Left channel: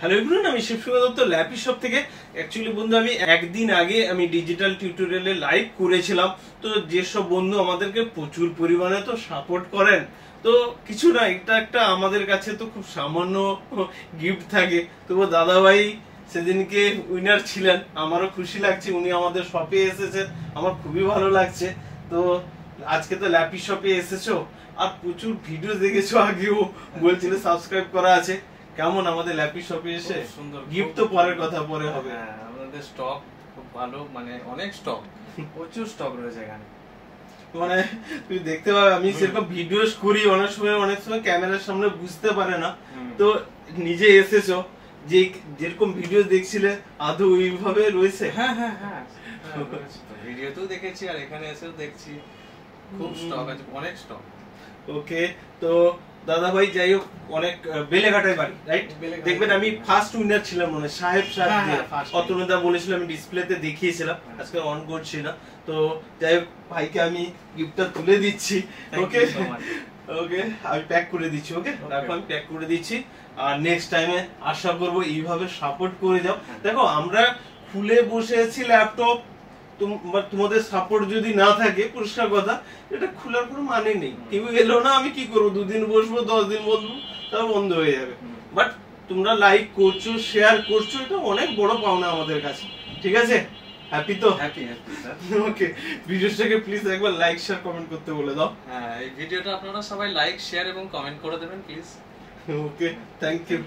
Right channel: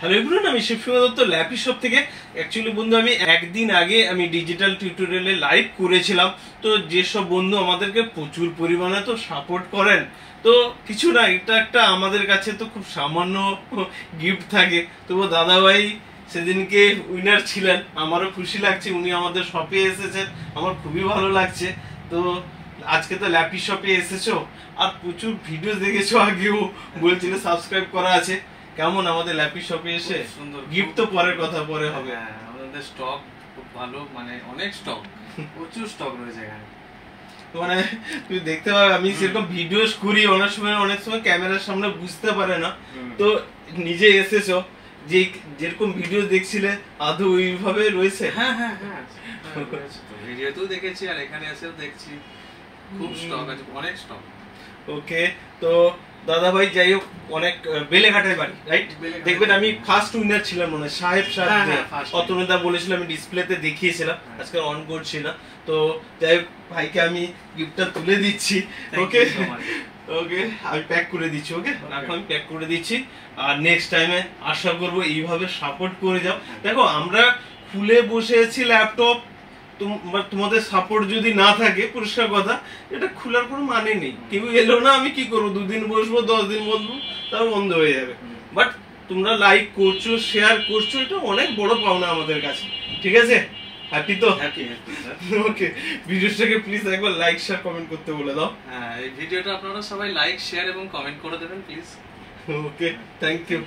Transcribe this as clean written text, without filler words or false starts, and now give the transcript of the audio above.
Hello everyone, আমি শিবসুমা Dutta lappy shop থেকে। Actually বন্ধু, আমি একদিন আগে ডিজিটাল টিউটোরিয়ালে লাইভ করেছিলাম। তো যেসব বন্ধু আমাদেরকে প্রচুর পরিমাণে তো সাপোর্ট করেন, তো কিছু না, এটা একটা আমাদের কাছে তো খুব সামান্য গিফট থাকে। তো দাদা ভাই সেদিনকে উইনার ছিলেন, আমারও খুশি লাগছে, উনি আমাদের শপে এসেছেন, আমার খুবই ভালো লাগছে। তো আজকে তো ল্যাপি শপে এসেছো আর প্রচুর ভিডিও দেখেছো, আগেও বলছিলে সাবস্ক্রাইব করা আছে। কেমন আমাদের ল্যাপি শপে এসে? সুন্দর গিফট তো পরের কথা, পরে হবে। হ্যাঁ, আমাদের স্টক খুব ভালো, মানে অনেক স্টক, প্রচুর স্টক রয়েছে এখানে। মানে তুই দেখতে পাবে, আমি সেরকম ভিডিও করি অনেক সময় ক্যামেরার সামনে বুঝতে পারে না। তো নিজে এসেছো, যে যেরকম ভিডিও দেখছিলে আদৌ ওইভাবে রয়েছে? হ্যাঁ হ্যাঁ হ্যাঁ, ভিডিওতেও দেখেছি আর এখানে এসেও দেখছি, খুব স্টক আছে, অনেক স্টক। ওকে, তো দাদা ভাই যাই হোক, অনেক বেলেঘাটায় বাড়ি, রাইট? দেখবেন আমি ফার্স্ট উইনার ছিলাম মনে হয়, সাহেব অতনুদা বলেছিল, আমি ডিসপ্লেতে দেখিয়েছিলাম, আজকে অন করছি না। তো যাই হোক, ভাইকে আমি গিফটটা তুলে দিচ্ছি। ওকে ওকে, আমি প্যাক করে দিচ্ছি। ওকে রাখো, আমি প্যাক করে দিচ্ছি। আর নেক্সট টাইমে আশা করবো এইভাবে সাপোর্ট করে যাও। দেখো, আমরা খুলে বসে আছি ল্যাপটপ, তোমাদের সাপোর্ট যদি না থাকে, পরিষ্কার কথা, এটা খোলার কোনো মানে নেই। কেউ এলো না, আমি কি করবো? 2 দিন বসবো, 10 দিন বসবো, তারপর বন্ধ হয়ে যাবে। বাট তোমরা লাইক করছো, শেয়ার করছো, এটা অনেক বড় পাওনা আমাদের কাছে। ঠিক আছে? হ্যাপি তো? হ্যাপি ওকে, ভিডিওটাকে প্লিজ একবার লাইক শেয়ার কমেন্ট করতে বলে দাও। হ্যাঁ, এই ভিডিওটা আপনারা সবাই লাইক শেয়ার এবং কমেন্ট করে দেবেন প্লিজ। Okay, thank you.